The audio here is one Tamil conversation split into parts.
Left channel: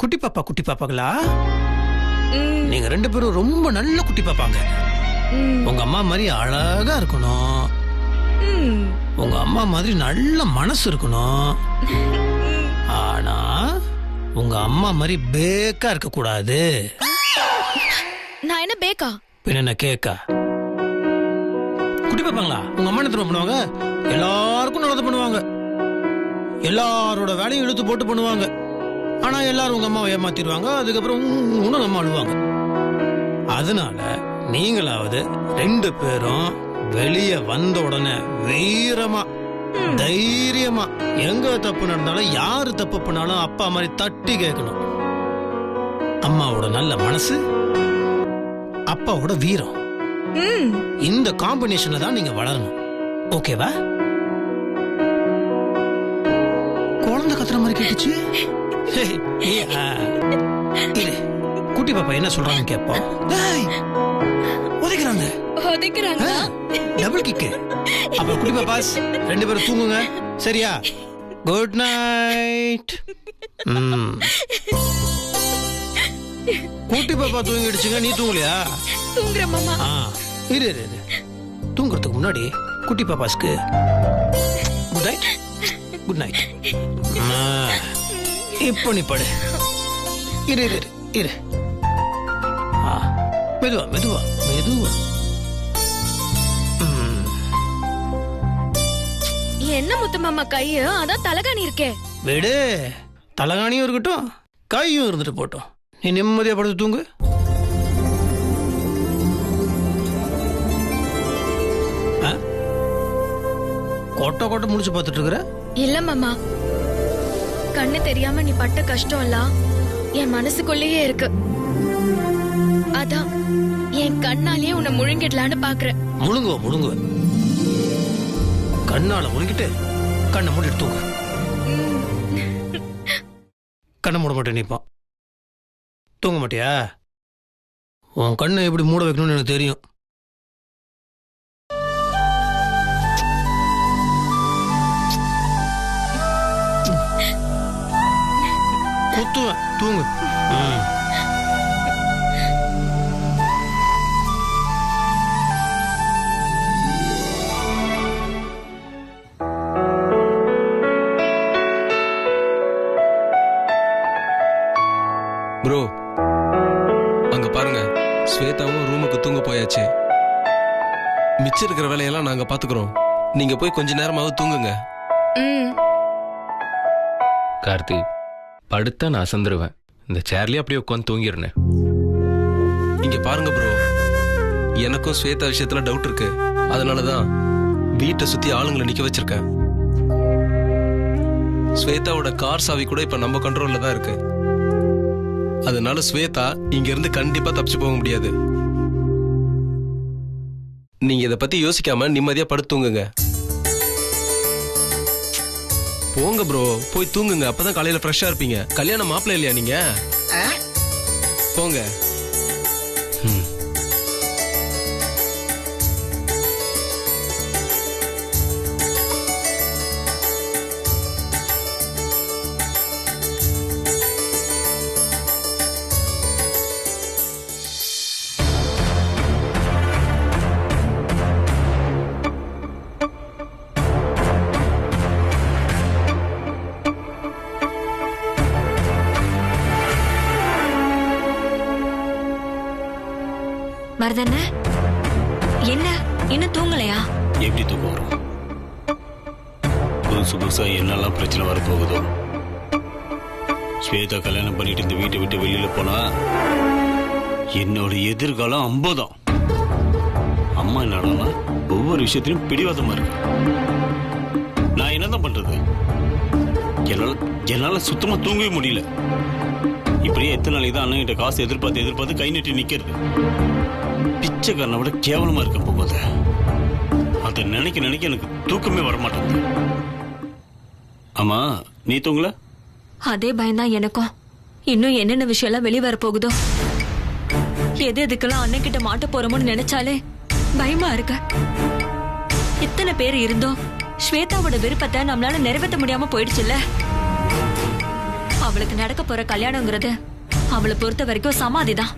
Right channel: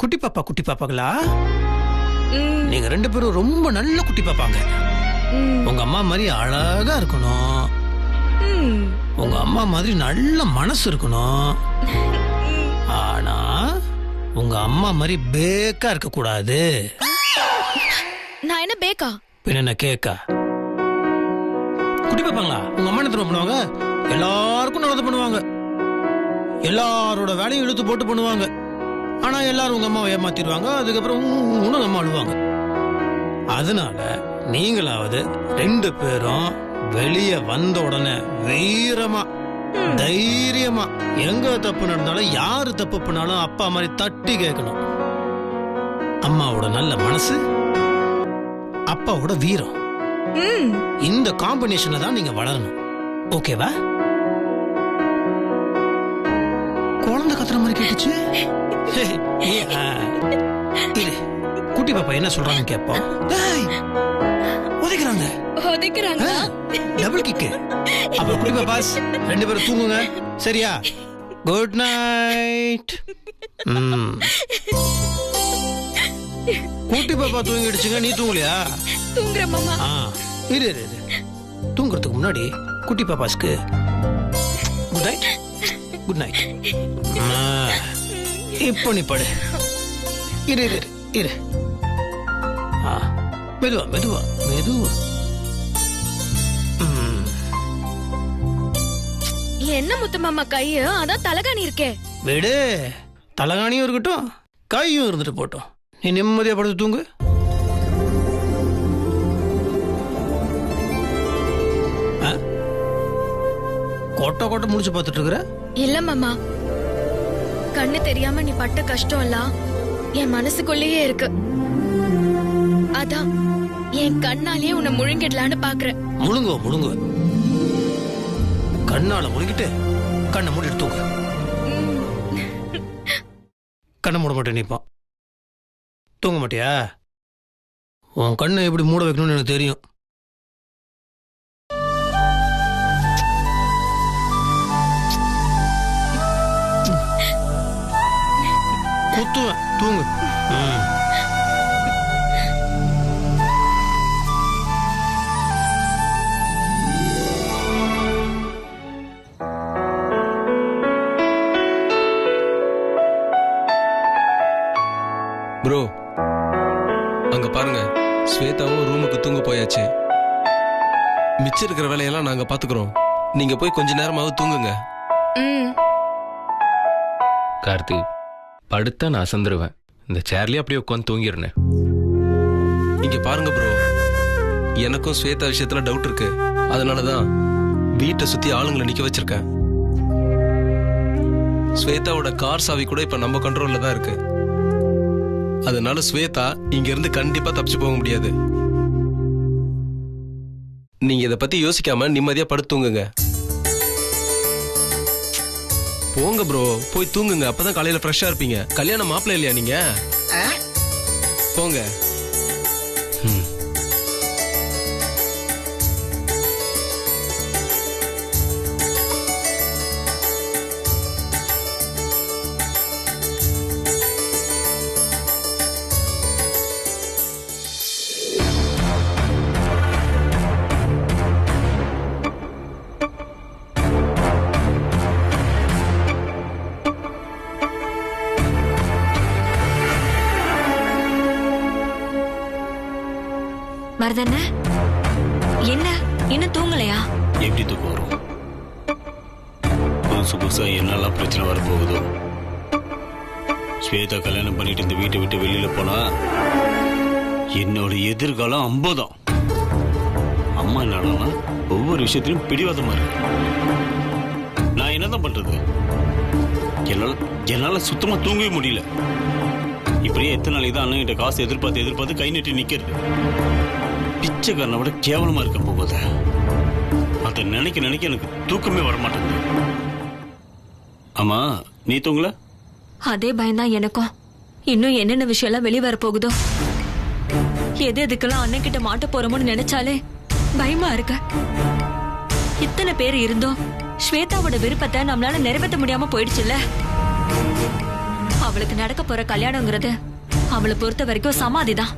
குட்டி பாப்பாங்களா? நீங்க 2 பேரும் ரொம்ப நல்ல குட்டி பாப்பாங்க. உங்க அம்மா மாதிரி அழகா இருக்கணும். உங்க அம்மா மாதிரி நல்ல மனசு இருக்கணும். ஆனா உங்க அம்மா மாதிரி பேக்கா இருக்க கூடாது. நான் என்ன பேக்கா? பின்ன கேக்கா? குட்டி பாப்பாங்களா உங்க அம்மா என்ன பண்ணுவாங்க? எல்லாருக்கும் நல்லது பண்ணுவாங்க. எல்லாரோட வேலையும் இழுத்து போட்டு பண்ணுவாங்க. ஆனா எல்லாரும் உங்க அம்மாவை ஏமாத்திடுவாங்க. அதுக்கப்புறம் உங்க அம்மா அழுவாங்க. அதனால நீங்களாவது 2 பேரும் வெளியே வந்த உடனே வீரமா தைரியமா எங்க தப்பு நடந்தாலும் யாரு தப்பு பண்ணாலும் அப்பா மாதிரி தட்டி கேட்கணும். அம்மாவோட நல்ல மனசு, அப்பாவோட வீரம், இந்த காம்பினேஷன்ல தான் நீங்க வளரணும். ஓகேவா? குழந்தை கத்துற மாதிரி கேட்டுச்சு. குட்டி பாப்பா என்ன சொல்றாங்கன்னு கேட்போம். உதைக்கிறாங்க டபுள் கிக்கு. அப்புறம் குட்டி பாப்பாஸ் 2 பேரும் தூங்குங்க. சரியா? Good night. குட்டி பாப்பா தூங்கிடுச்சுங்க. நீ தூங்கலையா? தூங்குற மாமா. இரு தூங்குறதுக்கு முன்னாடி குட்டி பாப்பாஸ்க்கு குட் நைட். Good night. இப்போ நீ படு. இரு மெதுவா. என்ன முத்து மாமா கைய? அதான் தலகாணி இருக்கே. விடு, தலகாணியும் இருக்கட்டும் கையும் இருந்துட்டு போட்டோம். நீ நிம்மதியா படுத்து தூங்கு. கொட்டை முடிச்சு பார்த்துட்டு இருக்கிற? இல்ல மாமா, கண்ணு தெரியாம நீ பட்ட கஷ்டம் எல்லாம் என் மனசுக்குள்ளேயே இருக்கு. அதான் என் கண்ணாலேயே உன்னை முழுங்கிடலான்னு பாக்குறேன். முழுங்குவ கண்ணால முழுங்கிட்டு கண்ணை மூடிட்டு தூங்கு. கண்ணை மூட மாட்டேன். நீப்பா தூங்க மாட்டியா? உன் கண்ணை எப்படி மூட வைக்கணும்னு எனக்கு தெரியும். குத்துவேன். தூங்கு. ப்ரோ, அங்க பாருங்க, ஸ்வேதாவும் ரூமுக்கு தூங்க போயாச்சு. மிச்சம் இருக்கிற வேலையெல்லாம் நாங்க பாத்துக்கிறோம். நீங்க போய் கொஞ்ச நேரமாவது தூங்குங்க. கார்த்தி, படுத்தா நான் அசந்துருவேன். இந்த சேர்லயே அப்படியே உட்காந்து தூங்கிடுறேன். இங்க பாருங்க ப்ரோ, எனக்கும் ஸ்வேதா விஷயத்துல டவுட் இருக்கு. அதனாலதான் வீட்டை சுத்தி ஆளுங்களை நிக்க வச்சிருக்கேன். ஸ்வேதாவோட கார் சாவி கூட இப்ப நம்ம கண்ட்ரோல்ல தான் இருக்கு. அதனால ஸ்வேதா இங்க இருந்து கண்டிப்பா தப்பிச்சு போக முடியாது. நீங்க இத பத்தி யோசிக்காம நிம்மதியா படுத்துங்க. போங்க ப்ரோ, போய் தூங்குங்க. அப்பதான் காலையில ஃப்ரெஷ்ஷா இருப்பீங்க. கல்யாண மாப்பிள்ளை இல்லையா நீங்க? போங்க. மருதண்ண, என்ன இன்னும் தூங்கலையா? எப்படி தூக்கம் வரும்? புதுசா என்னெல்லாம் பிரச்சனை வரப்போகுதோ. ஸ்வேதா கல்யாணம் பண்ணிட்டு இந்த வீட்டை விட்டு வெளியில போனா என்னோட எதிர்காலம் அம்பதான். அம்மா என்னன்னா ஒவ்வொரு விஷயத்திலும் பிடிவாதமா இருக்கு. நான் என்னதான் பண்றது? என்னால சுத்தமா தூங்கவே முடியல. இப்படியே எத்தனை நாளைக்கு தான் அண்ணன் கிட்ட காசு எதிர்பார்த்து கை நீட்டி நிக்கிறது. பிச்சைக்காரனை விட கேவலமா இருக்க போகுத. அதை நினைக்க எனக்கு தூக்கமே வரமாட்டேங்குது. ஆமா, நீ தூங்கல? அதே பயம்தான் எனக்கும். இன்னும் என்னென்ன விஷயம் எல்லாம் வெளியே வர போகுதோ. எதுக்கெல்லாம் அண்ணன் கிட்ட மாட்ட போறோமோன்னு நினைச்சாலே பயமா இருக்கு. இத்தனை பேர் இருந்தோம் ஸ்வேதாவோட விருப்பத்தை நம்மளால நிறைவேற்ற முடியாம போயிடுச்சுல்ல. அவளுக்கு நடக்க போற கல்யாணங்கிறது அவளை பொறுத்த வரைக்கும் சமாதிதான்.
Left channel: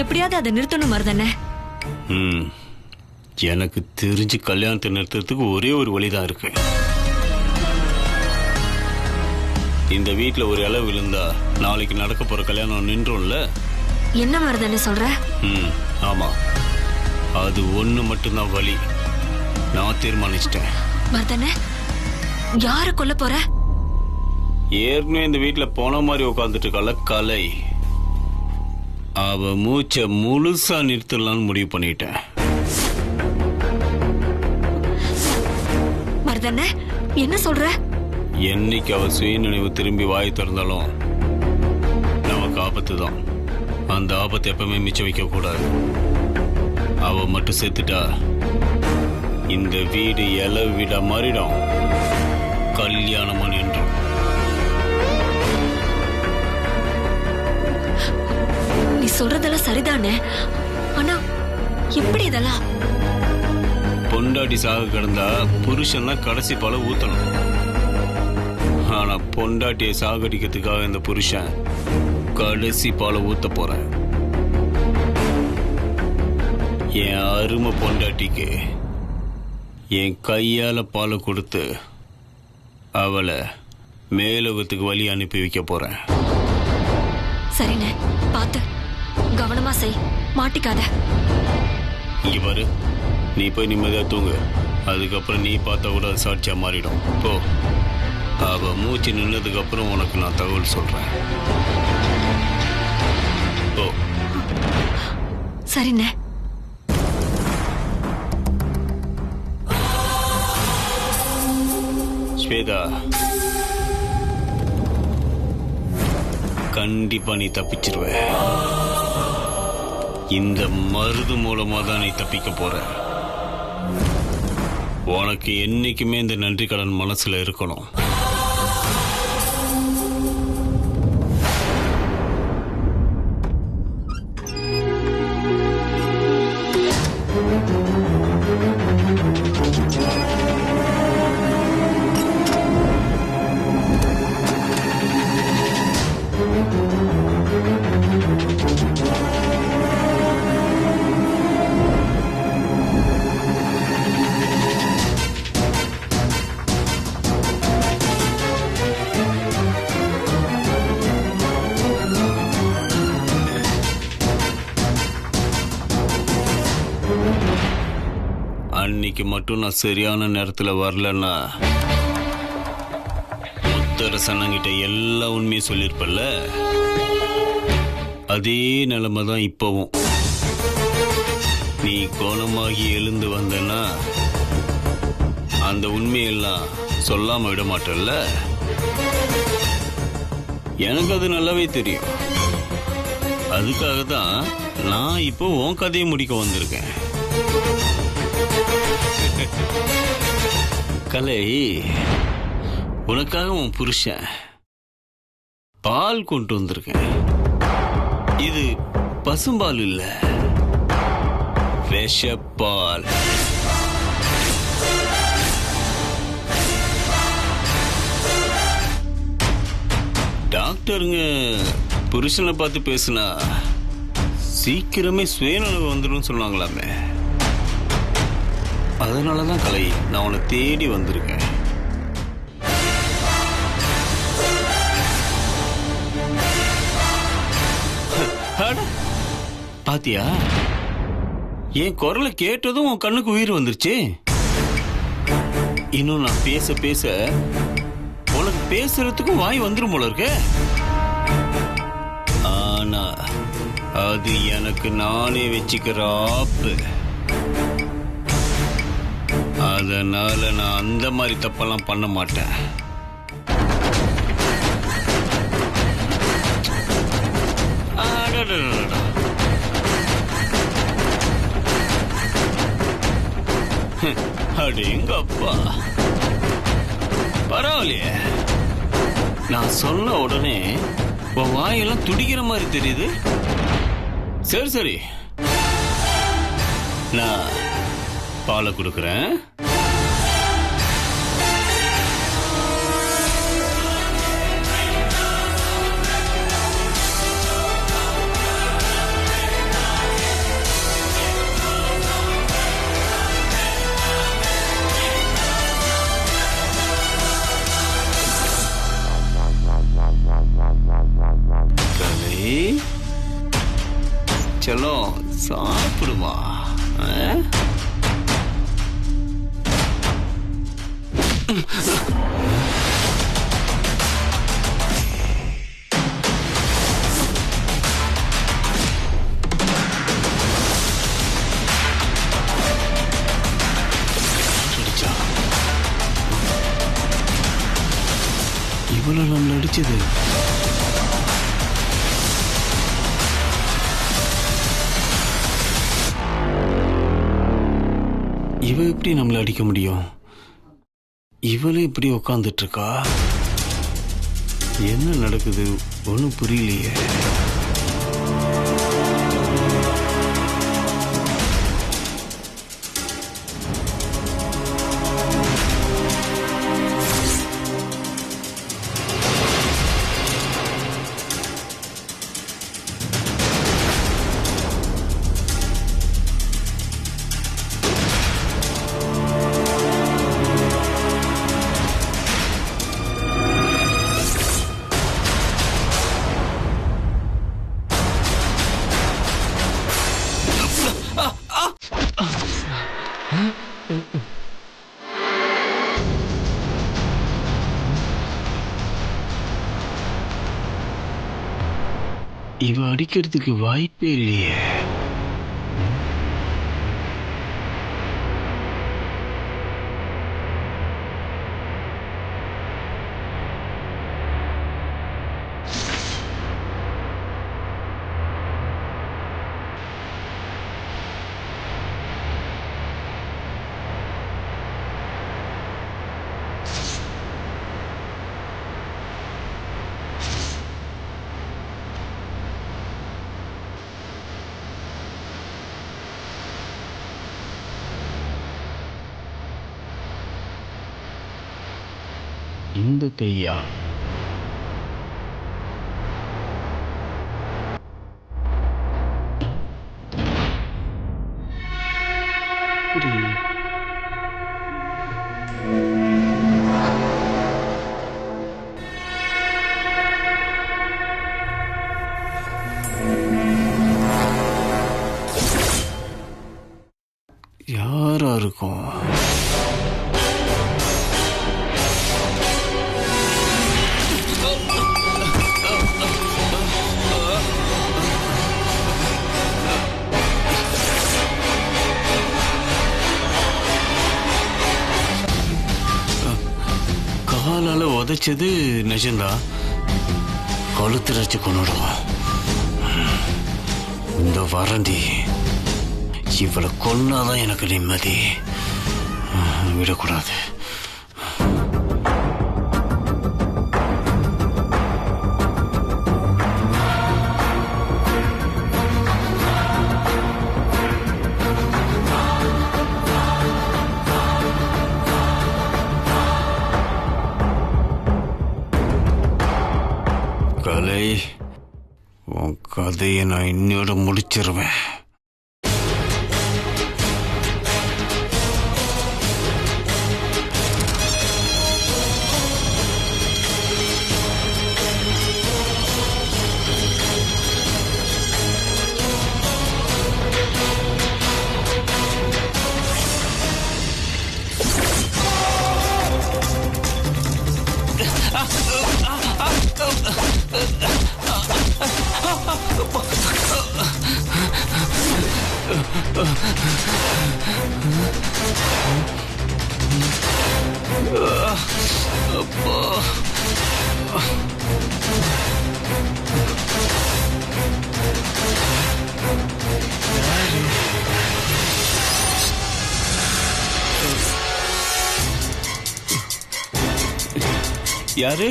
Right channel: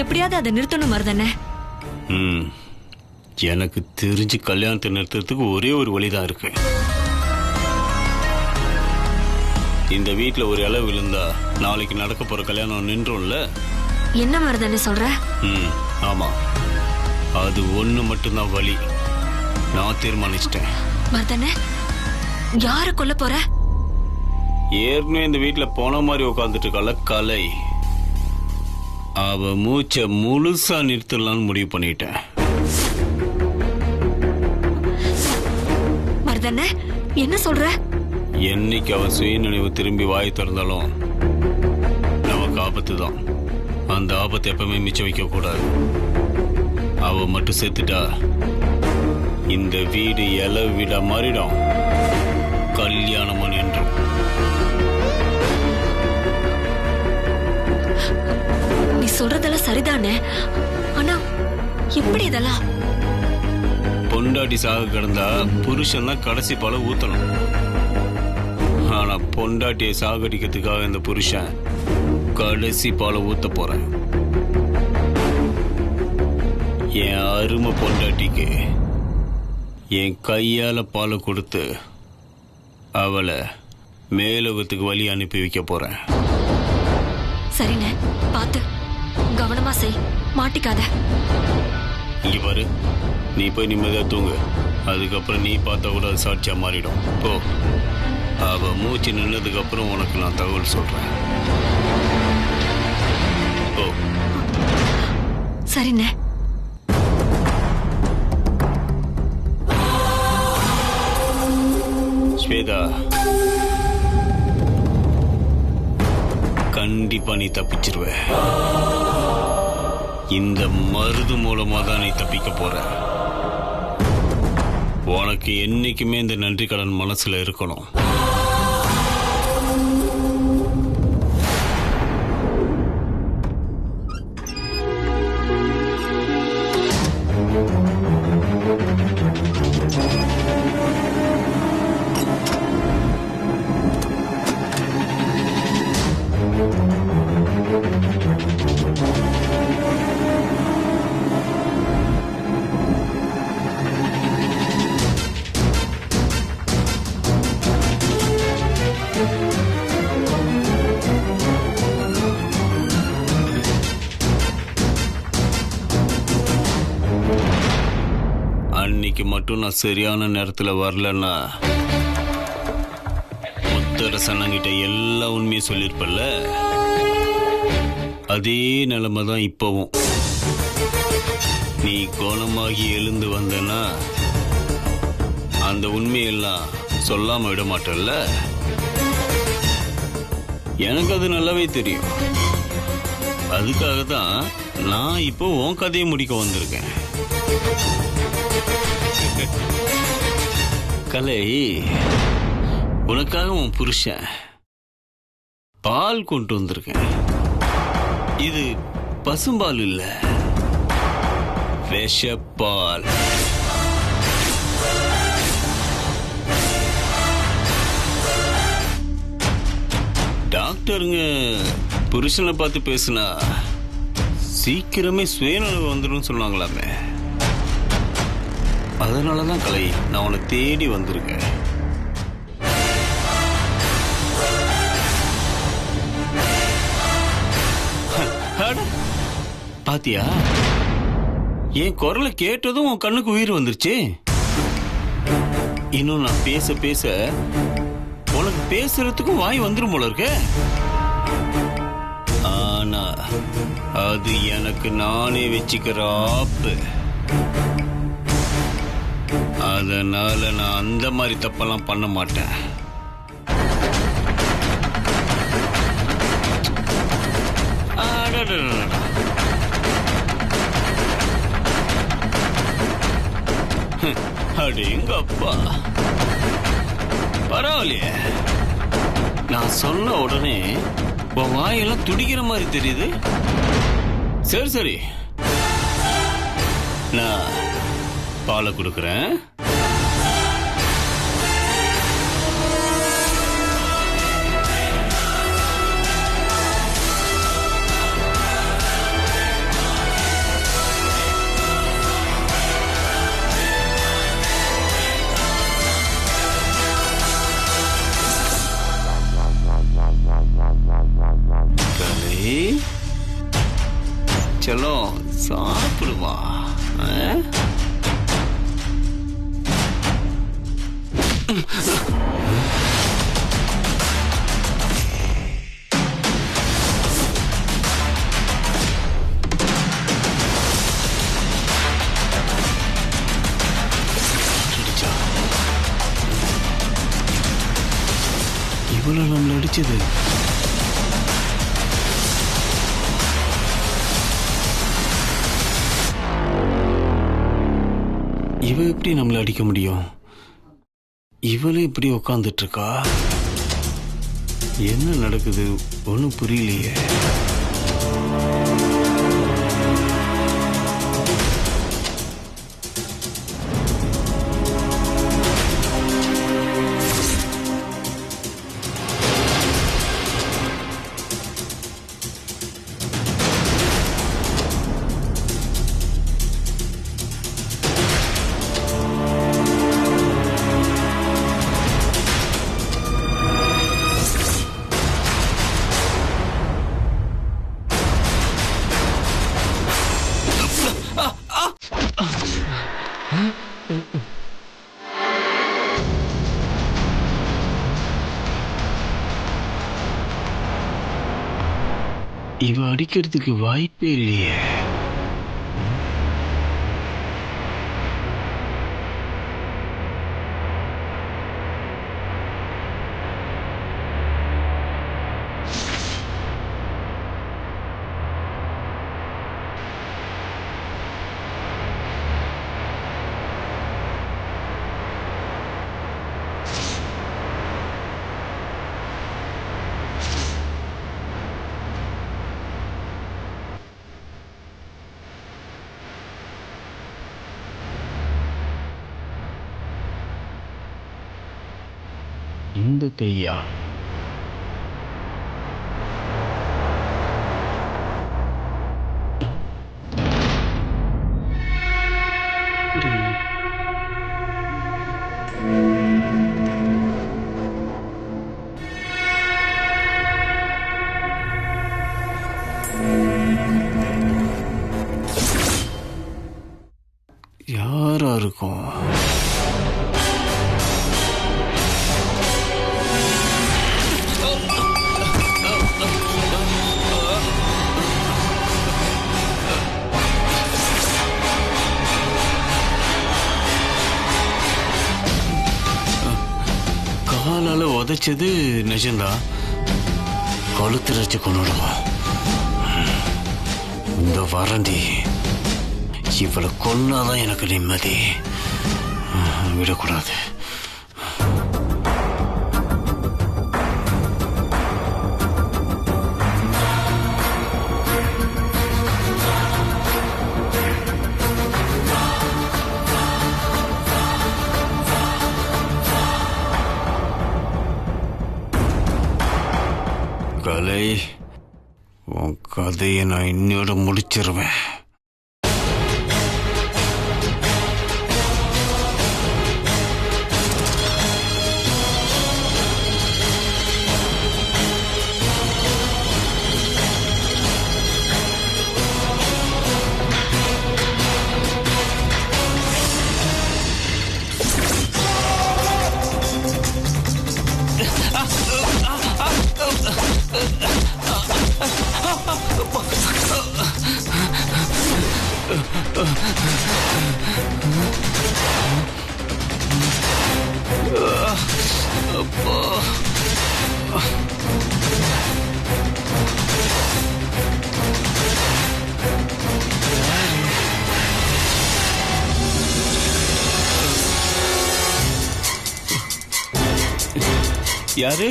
எப்படியாவது அதை நிறுத்தணும் மருதண்ணே. எனக்கு தெரிஞ்சு கல்யாணத்தை நிறுத்துறதுக்கு ஒரே ஒரு வழிதான் இருக்கு. இந்த வீட்டுல ஒரு இலை விழுந்தா நாளைக்கு நடக்க போற கல்யாணம் நின்றும்ல. என்ன மருதண்ணே சொல்ற? ஆமா, அது ஒண்ணு மட்டும்தான் வழி. நான் தீர்மானிச்சிட்டேன். மருதண்ணே, யார கொல்ல போற? ஏற்கனவே இந்த வீட்டுல போன மாதிரி உட்காந்துட்டு இருக்கல கலை, அவ மூச்சை முழுசா நிறுத்தலாம்னு முடிவு பண்ணிட்டேன். மருதண்ணே, என்ன சொல்ற? என்னைக்கு அவ சுயநினைவு திரும்பி வாய் திறந்தாலும் நமக்கு ஆபத்து தான். அந்த ஆபத்தை எப்பவுமே மிச்சம் வைக்க கூடாது. அவ மட்டும் செத்துட்டா இந்த வீடு இலை வீடா மாறிடும், கல்யாணமா நின்றும். நீ சொல்றதெல்லாம் சரிதானே, ஆனா எப்படி இதெல்லாம்? பொண்டாட்டி சாக கிடந்தா புருஷன் தான் கடைசி பால ஊத்தணும். ஆனா பொண்டாட்டியை சாகடிக்கிறதுக்காக இந்த புருஷன் கடைசி பால ஊத்த போறேன். என் அருமை பொண்டாட்டிக்கு என் கையால பாலை கொடுத்து அவளை மேலோகத்துக்கு வழி அனுப்பி வைக்க போறேன். சரிண்ணே, பாத்து கவனமா செய், மாட்டிக்காத. இங்க பாரு, நீ போய் நிம்மதியா தூங்கு. அதுக்கப்புறம் நீ பார்த்தா கூட அது சாட்சியா மாறிடும். போ, அவ மூச்சு நின்னதுக்கு அப்புறம் உனக்கு நான் தகவல் சொல்றேன். போ. சரிண்ணே. ஸ்வேதா, கண்டிப்பா நீ தப்பிச்சிருவ. இந்த மருது மூலமா தான் நீ தப்பிக்க போற. உனக்கு என்னைக்குமே இந்த நன்றி கடன் மனசுல இருக்கணும். அன்னைக்கு மட்டும் நான் சரியான நேரத்துல வரலன்னா முத்தரசனங்கிட்ட எல்லா உண்மையும் சொல்லிருப்பல்ல. அதே நிலைமை தான் இப்பவும். நீ குணமாகி எழுந்து வந்தனா அந்த உண்மையெல்லாம் சொல்லாம விட மாட்டல்ல. எனக்கு அது நல்லாவே தெரியும். அதுக்காக தான் நான் இப்போ உன் கதையை முடிக்க வந்திருக்கேன். கலை, உனக்காக உன் புருஷன் பால் கொண்டு வந்திருக்கேன். இது பசும்பால் இல்ல, விஷப்பால். டாக்டருங்க புருஷனை பார்த்து பேசுனா சீக்கிரமே சுயநலவு வந்துடும் சொன்னாங்களாமே. அதனாலதான் கலை, நான் உன்னை தேடி வந்திருக்கேன். பாத்தியா, என் குரலை கேட்டதும் உன் கண்ணுக்கு உயிர் வந்துருச்சு. இன்னும் நான் பேச பேச உனக்கு பேசுறதுக்கும் வாய் வந்துரும் போல இருக்க. ஆனா அது எனக்கு நானே வச்சுக்கிற ஆப்பு. அதனால நான் அந்த மாதிரி தப்பெல்லாம் பண்ண மாட்டேன். அடேங்க அப்பா, பரவாயில்லையே. நான் சொன்ன உடனே உன் வாயெல்லாம் துடிக்கிற மாதிரி தெரியுது. சரி சரி, நான் பாலை கொடுக்குறேன். செல்லம் சாப்பிடுமா? இவ்வளவு நம்மள அடிச்சது? இவ எப்படி நம்மள அடிக்க முடியும்? இவளே இப்படி உக்காந்துட்டு இருக்கா. என்ன நடக்குது ஒன்னும் புரியலையே. இவ அடிக்கிறதுக்கு வாய்ப்பே இல்லையே. இந்த கையா? யாரா இருக்கும்? காலால உதைச்சது நிஜம்தான். கழுத்து வச்சு கொண்டுடுவோம். இந்த வரண்டி இவளை கொன்னாதான் எனக்கு நிம்மதி. விடக்கூடாது. கலை, உன் கதையை நான் இன்னோட முடிச்சிருவேன். யாரு?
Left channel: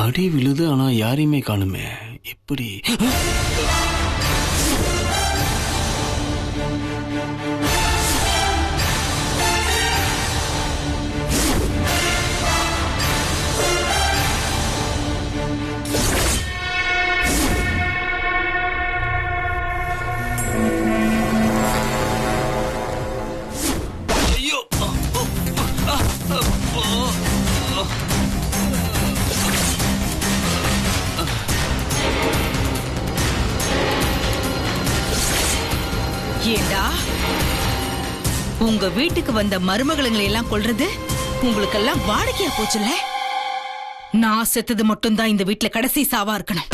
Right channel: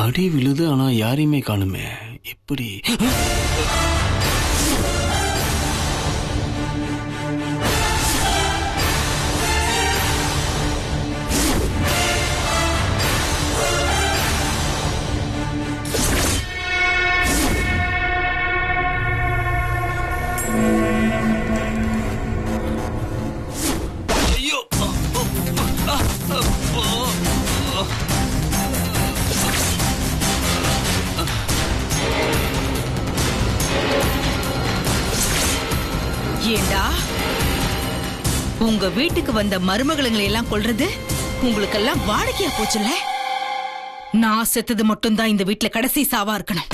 அடி விழுது, ஆனா யாரையுமே காணுமே. எப்படி? ஏண்டா உங்க வீட்டுக்கு வந்த மருமகளுங்களை எல்லாம் கொல்றது உங்களுக்கெல்லாம் வாடிக்கையா போச்சுல்ல? நான் செத்தது மட்டும்தான் இந்த வீட்டுல கடைசி சாவா இருக்கணும்.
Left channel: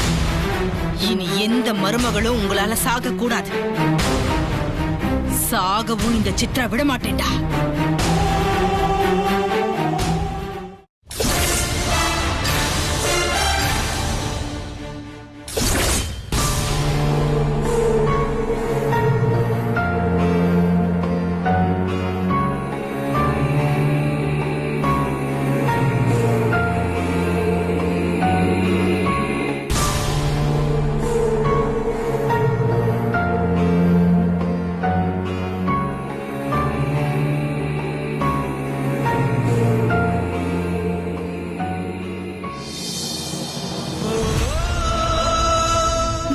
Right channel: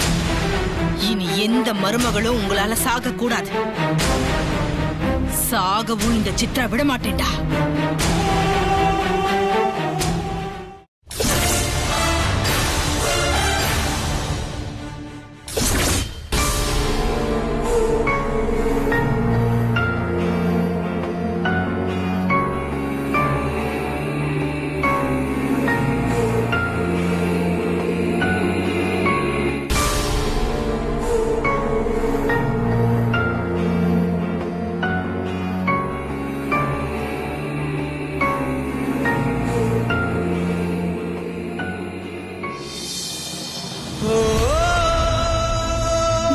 இனி எந்த மருமகளும் உங்களால சாக கூடாது. சாகவும் இந்த சித்ரா விட மாட்டேன்டா.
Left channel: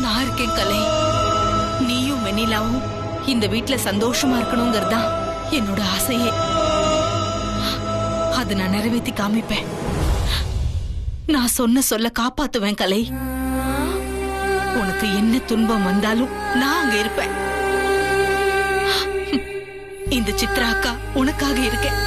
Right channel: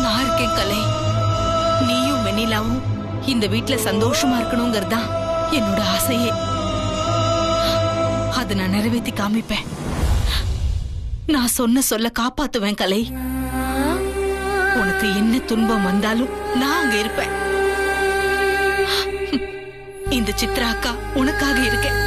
நான் இருக்கேன் கலை. நீயும் வெண்ணிலாவும் இந்த வீட்டுல சந்தோஷமா இருக்கணுங்கிறதா என்னோட ஆசையே. அதை நான் நிறைவேற்றி காமிப்பேன். நான் சொன்ன சொல்ல காப்பாத்துவேன் கலை. உனக்கு என்ன துன்பம் வந்தாலும் நான் அங்க இருப்பேன். இந்த சித்ரா அக்கா உனக்காக இருக்கேன்.